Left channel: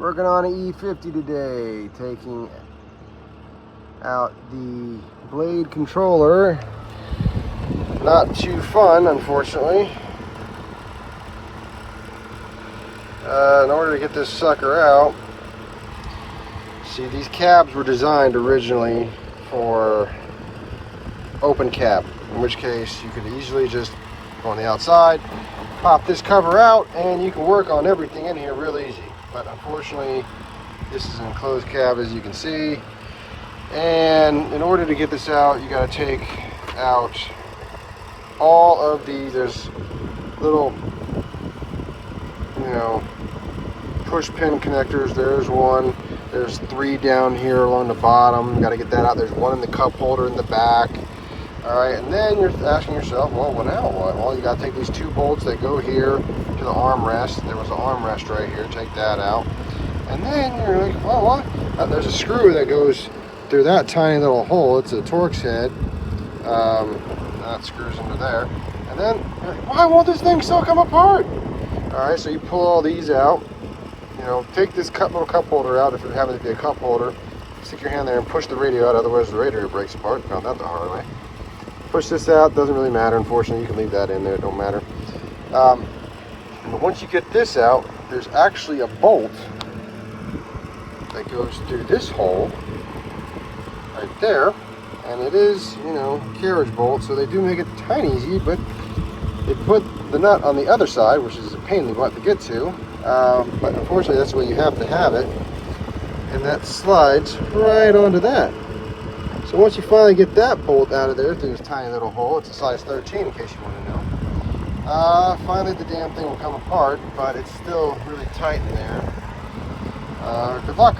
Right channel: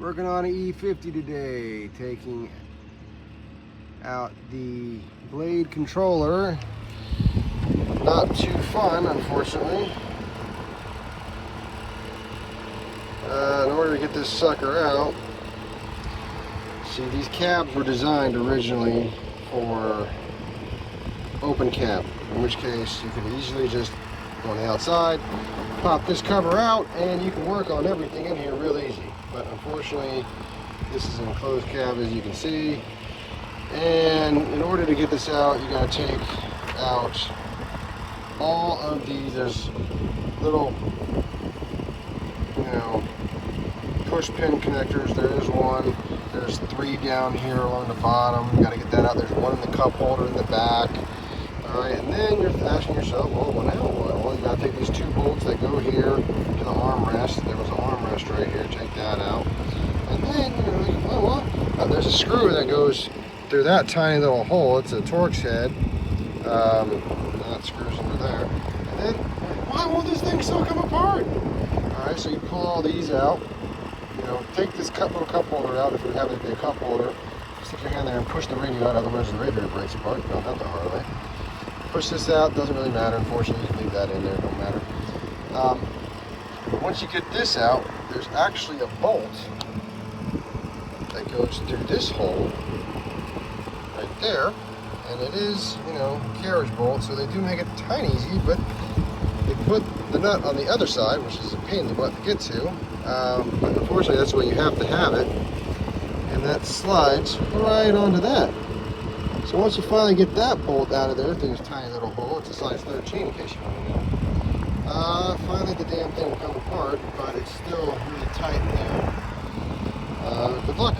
Working on an E50 today, taking out the blade controller. Not too fun, unfortunately. In order to get this sucker out, see, these cabs were designed originally for open cab, in which case you could easily just go on the outside, pop this cover out, and you can work on everything in here real easy. But unfortunately, this is an enclosed cab, as you can see, and in order to get this out, you got to take out all of these. There's little, push pin connectors. There's one. There's 3 down here along the bottom. You got to get that out. There's one in the cup holder in the back. All right, and then you're asking yourself, well, now what? Well, you got to take these 2 bolts that go here to the armrest. There was an armrest right here. Take that out. And then you're like, well, what? There's a screw that goes through that tiny little hole. It's a Torx head. That screws into there. And then, why won't this thing still come apart? All right, so you pull all these out. Take this little cup holder out if it happens to be a cup holder. Stick your hand there and push the radio out, otherwise the radiator breaks apart. Found that the hard way. Push this out, doesn't really matter, unfortunately. You can leave that in there, don't matter. But once you get this out, there's actually a bolt that goes through this hole right there, and it is, carriage bolt, so they do make it tiny easy, but they put the nut on the other side, which is a pain in the butt to get to, but unfortunately that's where you have to have it, and that slides right onto that. So once you finally get that bolt out of there through this tiny little hole, it's a size 13 in case you want to know, finally the damn thing will come apart, but it's still really tight in there. Good luck.